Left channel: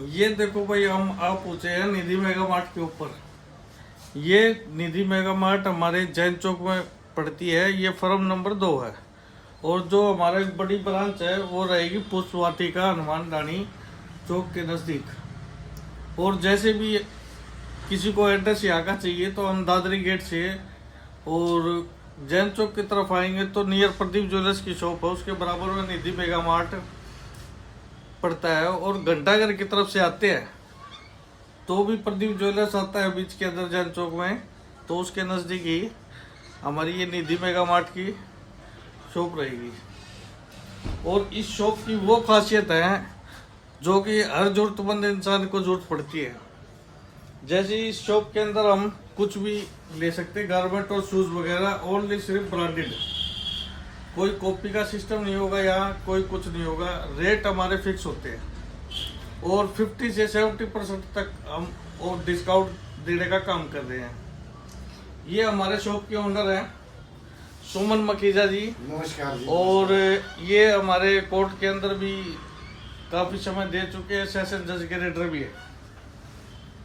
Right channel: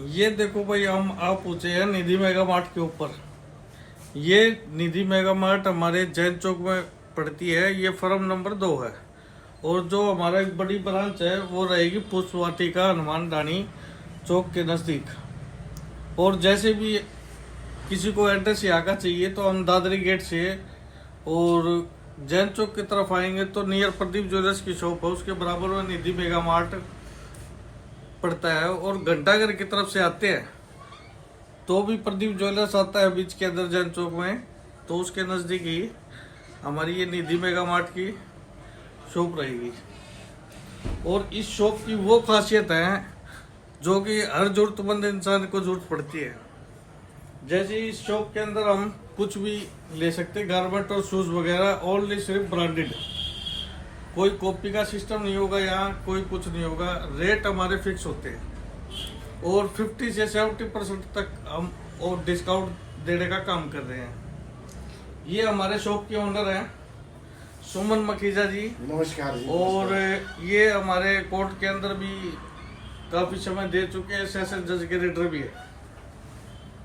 ये देखो भाई, हम आप पूछे हैं निधि मेगा मार्ट के ऊपर। ये निधि मेगा मार्ट हमारे जैन चौक में पड़ती है। ये फर्म नंबर 2 है। और जो हमारा एक बड़ी ब्रांच है वो रहेगी पुष्प वाटिका हनुमान डाणी चौक के नज़दीक। और जैसे भी किसी को एड्रेस यहाँ का चाहिए तो हम दादरी गेट से और जैन चौक की तरफ आएंगे तो नियर प्रदीप ज्वेलर्स की शॉप है, उसके बराबर में निधि मेगा मार्ट पड़ता है। और घंटाघर की तरफ से आते हैं तो भी प्रदीप ज्वेलर्स आता है बीच के अंदर जैन चौक में, तो उसके नज़दीक ही हमारी ये निधि मेगा मार्ट की शॉप रहेगी। और इस शॉप की वो खासियत है जो कि हर जरूरतमंद इंसान को जरूरत पड़ती है। जैसे इस शॉप के अंदर हम कुछ भी ले सकते हैं, गारमेंट और शूज वगैरह, ओनली सिर्फ ब्रांडेड। कोई कॉपी का सिस्टम नहीं होगा, यहाँ कोई कुछ नहीं होगा। रेट हमारे फिक्स होते हैं और 50 से 70% तक हम और डिस्काउंट देने का काम कर रहे हैं। ये हमारे शॉप के ओनर हैं सुमन मखीजा जी। नमस्कार जी। और ये हमारे कोर्ट के अंदर भी काफी समय दे चुके हैं, सेशन जज के रेडर भी है।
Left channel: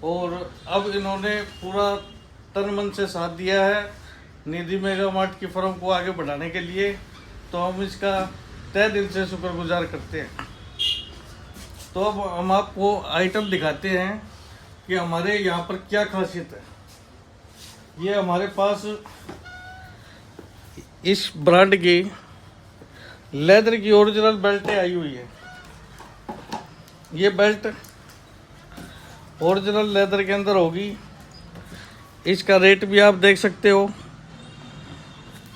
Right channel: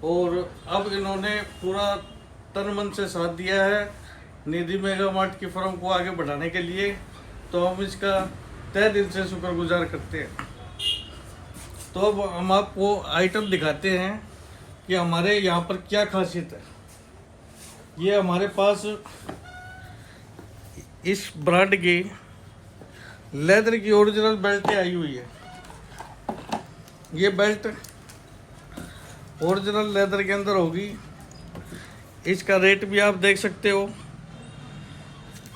और अब इन्होंने पूरा तन मन से साथ दिया है निधि मेगा मार्ट की फर्म को आगे बढ़ाने के लिए, तो हम इसका तहे दिल से शुक्रगुजार करते हैं। तो अब हम आपको आइटम दिखाते हैं कि हमारे यहाँ पर क्या खासियत है। ये हमारे पास इस ब्रांड की लेदर की ओरिजिनल बेल्ट आई हुई है। ये बेल्ट ओरिजिनल लेदर के अंदर होगी। इसका रेट भी आप देख सकते हो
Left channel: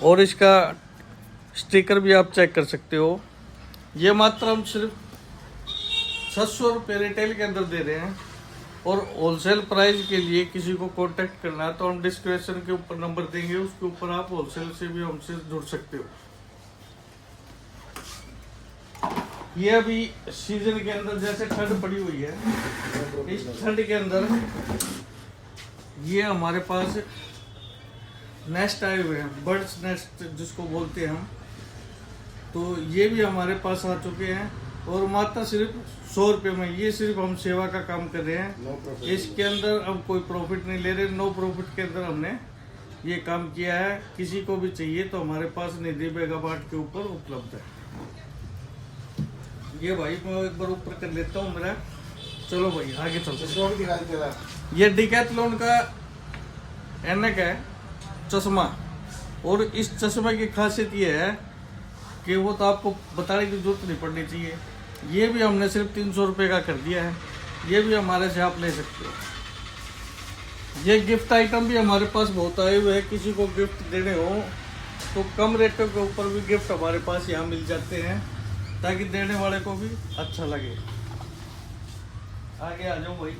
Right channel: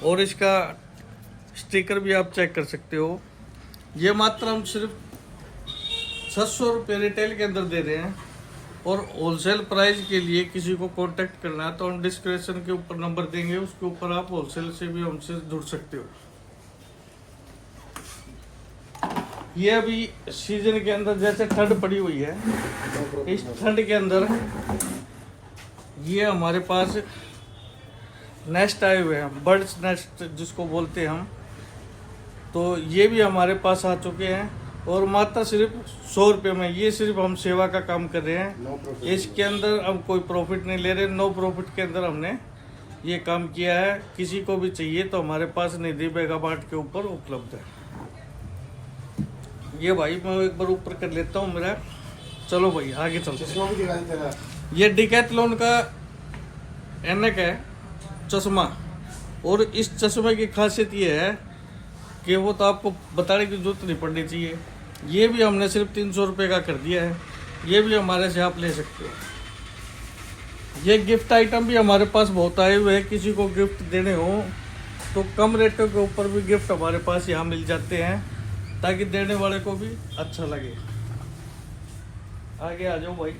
और इसका स्टिकर भी आप चेक कर सकते हो। ये मात्र हम सिर्फ 700 रुपये रिटेल के अंदर दे रहे हैं। और होलसेल प्राइस के लिए किसी को कांटेक्ट करना है तो हम डिस्क्रिप्शन के ऊपर नंबर देंगे, उसके ऊपर आप होलसेल से भी हमसे जुड़ सकते हो। ये अभी सीजन के अंदर जैसे ठंड पड़ी हुई है, इस ठंड के अंदर ये हमारे पास नेस्ट आए हुए हैं, बर्ड्स नेस्ट जिसको बोलते हैं हम, तो ये भी हमारे पास आ चुके हैं। और मात्र सिर्फ 100 रुपये में, ये सिर्फ हम सेवा का काम कर रहे हैं। इसके अंदर हम कोई प्रॉफिट नहीं ले रहे, नो प्रॉफिट के अंदर हमने ये काम किया है। किसी को भी चाहिए तो हमारे पास निधि मेगा मार्ट के ऊपर उपलब्ध है। ये भाई मैं एक बार ऊपर कर लेता हूँ मेरा। चलो भाई आगे चलते हैं। ये डिकैथलॉन का एनक है चश्मा। और इस चश्मे की खासियत ये है कि वो तो आपको बताने की जरूरत नहीं पड़नी चाहिए। ये भी हमने सिर्फ 300 रुपये का कर दिया है। ये भी हमारे से आप ले सकते हो। ये गिफ्ट आइटम भी हमारे पास बहुत आए हुए हैं। किसी को गिफ्ट देने हो तो कम रेटों के ऊपर भी गिफ्ट हमारे पास यहाँ मिल जाते हैं, ताकि देने वाले को भी अच्छा लगे। आगे आ जाओ भाई।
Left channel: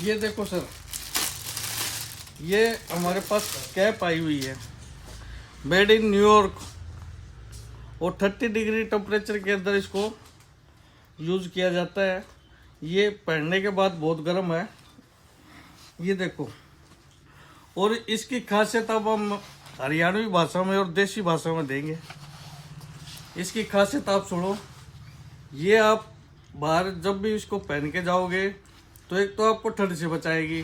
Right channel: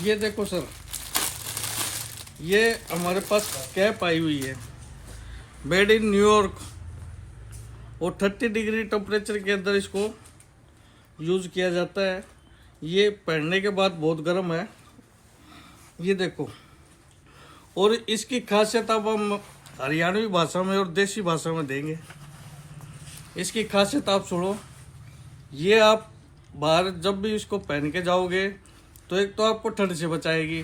ये देखो सर, ये हमारे पास कैप आई हुई है, मेड इन न्यूयॉर्क। और 30 डिग्री टेम्परेचर के अंदर इसको यूज किया जाता है। ये पहनने के बाद बहुत गर्म है, ये देखो। और इसकी खासियत अब हम हरियाणवी भाषा में और देसी भाषा में देंगे। इसकी खासियत आप सुनो। ये आप बाहर जब भी इसको पहन के जाओगे तो एक तो आपको ठंड से बचाएगी,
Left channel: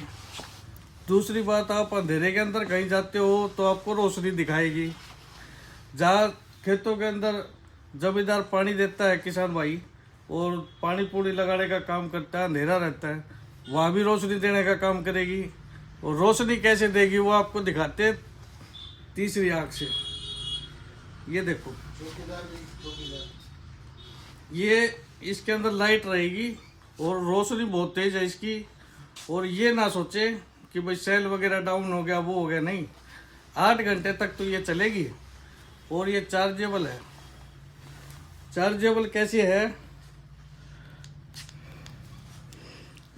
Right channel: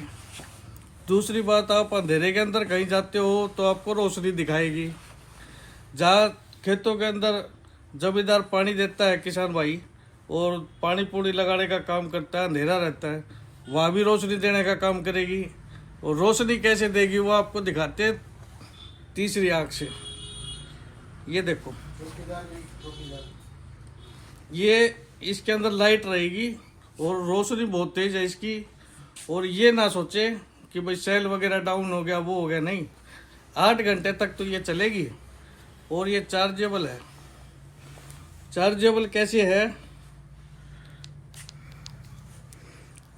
दूसरी बात आप अंधेरे के अंदर कहीं जाते हो तो आपको रोशनी दिखाएगी। जहाँ खेतों के अंदर जमींदार पानी देता है किसान भाई, और पानी पूरी लगाने का काम करता है, अंधेरा रहता है, वहाँ भी रोशनी देने का काम करेगी। और रोशनी कैसे देगी वो आपको दिखाते हैं तीसरी आँख से। ये देखो, ये इसके अंदर लाइट रहेगी और रोशनी बहुत तेज है इसकी। और ये ना सोचे कि भाई सेल वगैरह डाउन हो गया, वो हो गया, नहीं। 8 घंटे तक तो ये चलेगी। और ये चार्जेबल है। चार्जेबल कैसे है,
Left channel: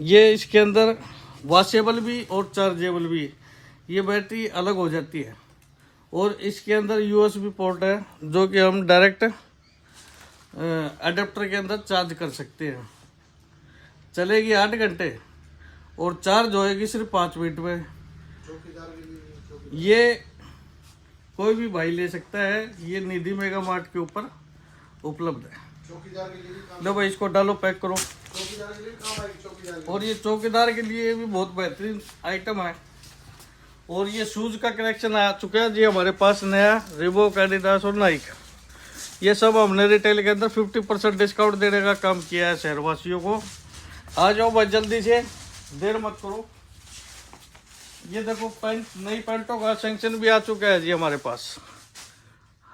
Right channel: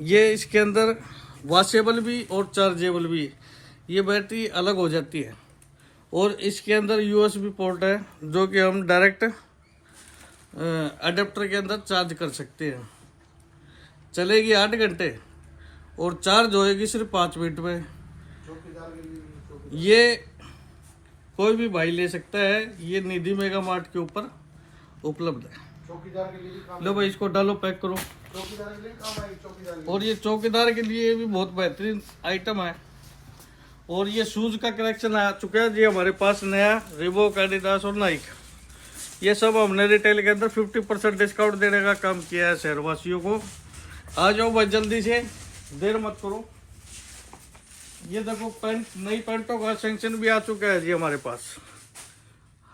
ये इसके अंदर वॉशेबल भी और चार्जेबल भी, ये बैटरी अलग हो जाती है। और इसके अंदर USB पोर्ट है जो कि हम डायरेक्ट अडेप्टर के अंदर चार्ज कर सकते हैं। चलेगी 8 घंटे और चार्ज होएगी सिर्फ 5 मिनट में। ये कोई भी भाई ले सकता है, ये निधि मेगा मार्ट के ऊपर उपलब्ध है। लो भाई इसको डालो, पैक करो। और ये चौकीदार के लिए भी बहुत बेहतरीन आइटम है। और ये शूज का कलेक्शन आ चुका है जी हमारे पास नया, रिबॉक, एडिडास और नाइक। ये सब हमने रिटेल के अंदर 50% डिस्काउंट देने का काम किया है शहरवासियों को। आ जाओ भाई जल्दी से, देर मत करो। ये देखो पैंट, नई पैंटों का सेक्शन भी आ चुका है जी हमारे पास।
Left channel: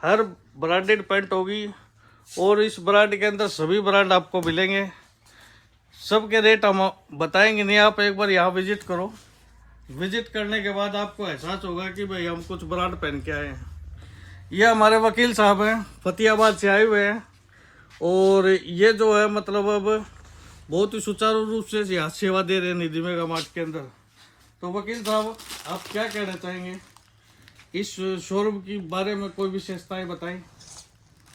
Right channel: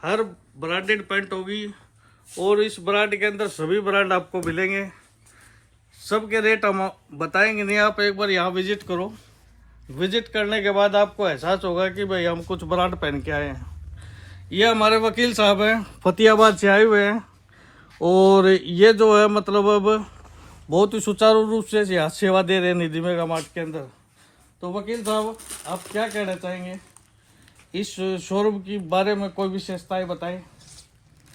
हर ब्रांडेड पैंट होगी और इस ब्रांड के अंदर सभी ब्रांड आपको मिलेंगे। सबके रेट हम बताएंगे नहीं, आप एक बार यहाँ विजिट करो। विजिट करने के बाद आपको एहसास होगा कि भाई हम कुछ ब्रांड पहन के आए हैं। ये हमारे वकील साहब हैं, फतेहाबाद से आए हुए हैं। और ये जो है मतलब अब बहुत ही सुचारू रूप से यहाँ सेवा दे रहे हैं निधि मेगा मार्ट के अंदर। तो वकील साहब आप क्या कहना चाहेंगे इस शोरूम के बारे में, कोई विशेषताएं बताएं।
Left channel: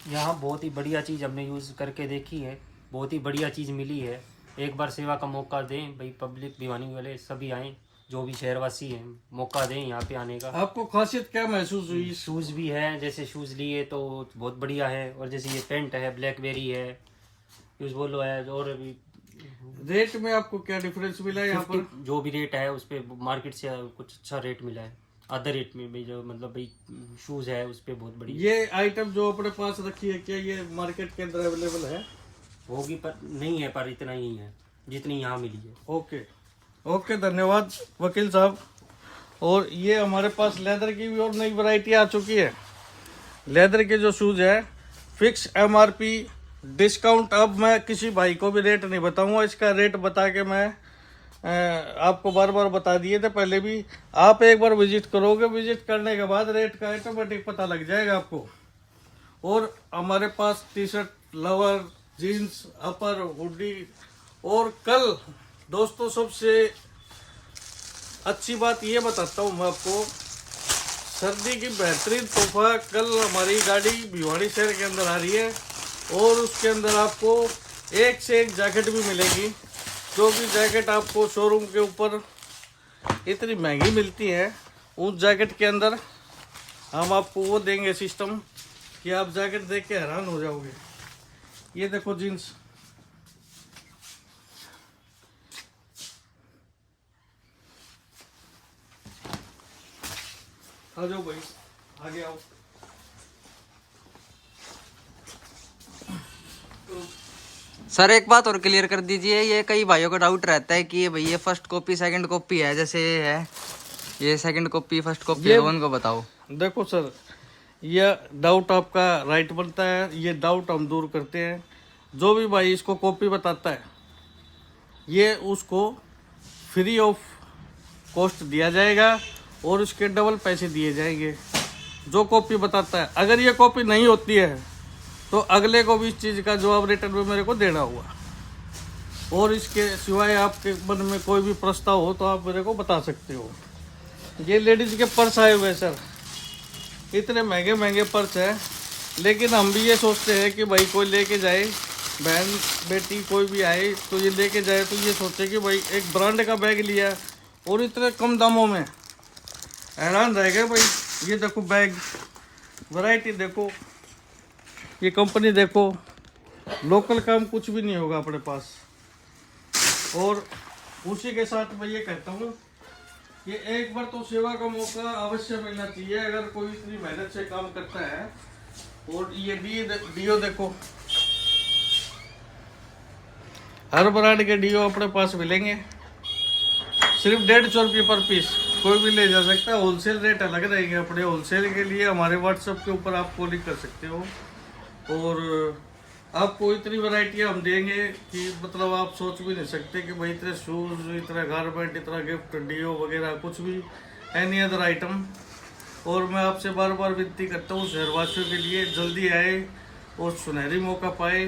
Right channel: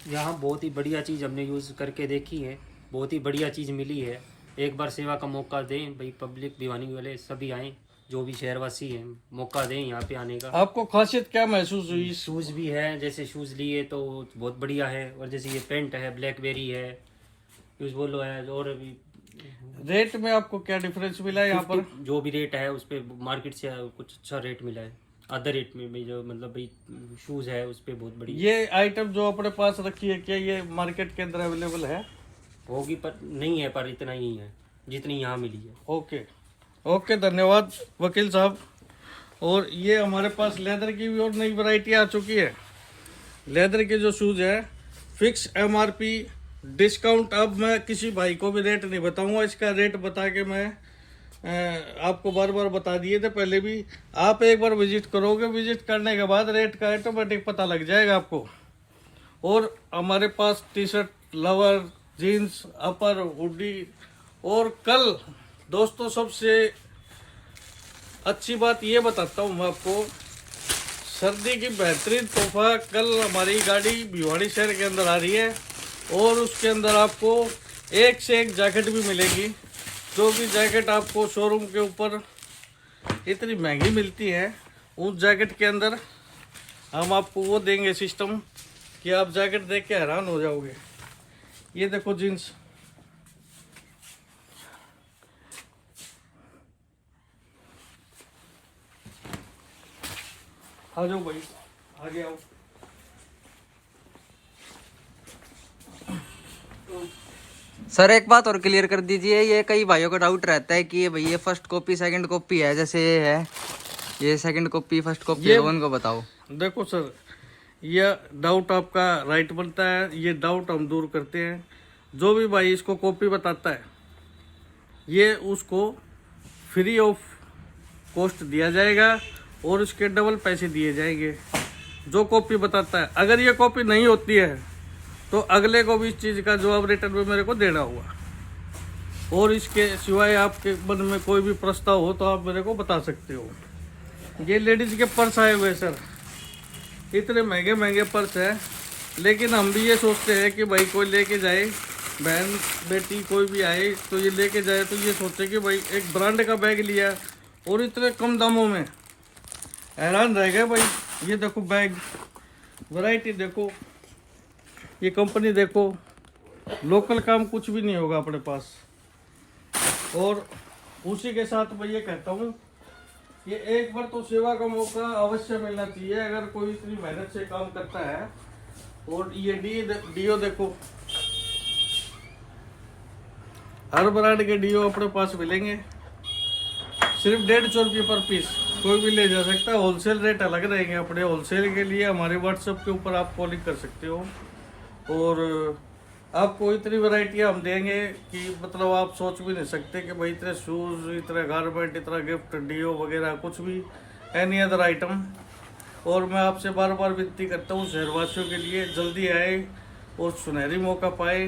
यहाँ बहुत ही बढ़िया चीज़ हमने यूज़ करके देखी है, बहुत ही बढ़िया चीज़ मिली है। एक बार सेवा का मौका दें भाई, पब्लिक दीवानी वाले सभी आएँ, जो भी शहरवासी हैं, मौका दें यहाँ पे आने का। आपको खासियत क्या महसूस हुई? शूज़ भी है, जैसे शूज़ लिए तो बहुत बढ़िया है। और जैसे ये पेंट है, ब्लैकबेरी है, यूज बोलो है। और अभी रेट में आपको क्या डिफरेंस मिला है यहाँ पर? जो भी रेट है उस पर मार्केट से कुछ अच्छा रेट मिला है, आधा रेट में भी। जो मतलब भाई शूज़ है उस पर बहुत बढ़िया। ये आइटम जो अपने पास रखी है, क्या ये मार्केट के अंदर अवेलेबल है? होगी पर नहीं है, पर इतना ही है जितनी यहाँ मिली है। ओके ओके, धन्यवाद वकील साहब। और ये हमारे पास लेदर की भी और नई वैरायटी आ चुकी है। लेदर के जो शूज है फिक्स MRP डिस्काउंट। अब मैं किसी भाई को भी रेट नहीं बताऊंगा, इसका रेट बता के मैं आपको बार बार बता दिए थे पहले भी। आप एक बार विजिट करोगे, विजिट करने के बाद रेट का ऑटोमेटिक पता लग जाएगा आपको। और हमारे पास टी शर्ट, लोअर, जीन्स, अपर, हुडी। और कल दोस्तों सबसे अच्छी बात ये बताता हूँ मैं आपको, सर्दी की बेहतरीन तोहफा कल हमारी गाड़ी भिवाड़ी शहर के अंदर आ रही है। और उसके अंदर आपको एक से एक जैकेट भी मिलेगी। जो भी जैकेट आपको शोरूम के ऊपर इतनी महंगी मिलती है, उस जैकेट के अंदर हम आपको वो देंगे सिस्टम कि आप जैकेट देख के हैरान हो जाओगे। ये देखो जीन्स, आ जाओ भाई, आगे आओ। सर एक बात और क्लियर कर दीजिए, ये कई भाइयों का डाउट रहता है कि ये भाई ये फर्स्ट कॉपी सेकंड कॉपी है, जैसे ये है, ये सेकंड कॉपी फर्स्ट कॉपी है, उनको बताओ। देखो सर, ये डाउट आपका राइट बनता है, ये डाउट हम दूर करते हैं। जो भी भाई इसको कॉपी बताता है, ये उसको फ्री ऑफ कॉस्ट दिया जाएगा और उसके डबल पैसे दिए जाएंगे। जो कॉपी बताता है, अगर ये कॉपी नहीं होती है तो अगले को भी इस चीज़ का जवाब रिटर्न में मेरे को देना होगा। और इसके सिवाय आपके मन में कोई भी प्रस्ताव हो तो आप मेरे को बता सकते हो। ये लेडीज के पर्स आए हुए सर, इतने महंगे महंगे पर्स हैं, लेकिन हम भी ये सोचते हैं कि भाई कोई लेके जाए, बहन बेटी कोई भी आए तो ये लेके जाए तो ये सोचे कि भाई एक ब्रांड का बैग लिया और इतने कम दामों में, हैरान रह गए भाई। ये देखो बैग, वैरायटी देखो, ये कंपनी देखो, लोकल काम कुछ भी नहीं होगा अपने पास। और उसी के साथ मैं ये कहता हूँ कि एक बार तो सेवा का मौका अवश्य मिलना चाहिए अगर कोई इतनी मेहनत से काम करता है। और ये डीओ देखो, हर ब्रांड के डीओ अपने पास मिलेंगे, सिर्फ 150 रुपये पर पीस, कोई भी ले जा सकता है। होलसेल रेट अलग रहेंगे अपने। होलसेल के लिए हमारे व्हाट्सएप के ऊपर आप कॉलिंग कर सकते हो। और आपको इतनी वैरायटियाँ हम देंगे कि मतलब आप सोच भी नहीं सकते कि भाई इतने शूज़, इतना गारमेंट, इतना गिफ्ट, डीओ वगैरह कुछ भी, एनी अदर आइटम। और मैं आपसे बार बार विनती करता हूँ शहरवासियों के लिए जल्दी आए और सुनहरी मौका पाए,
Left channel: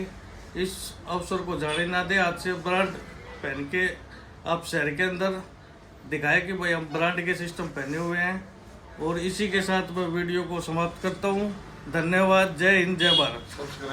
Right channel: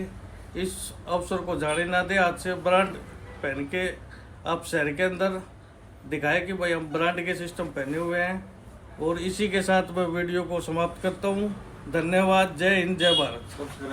इस अवसर को जाने ना दे। आज से ब्रांड पहन के आप शहर के अंदर दिखाए कि भाई हम ब्रांड के सिस्टम पहने हुए हैं। और इसी के साथ मैं वीडियो को समाप्त करता हूँ। धन्यवाद। जय हिंद, जय भारत।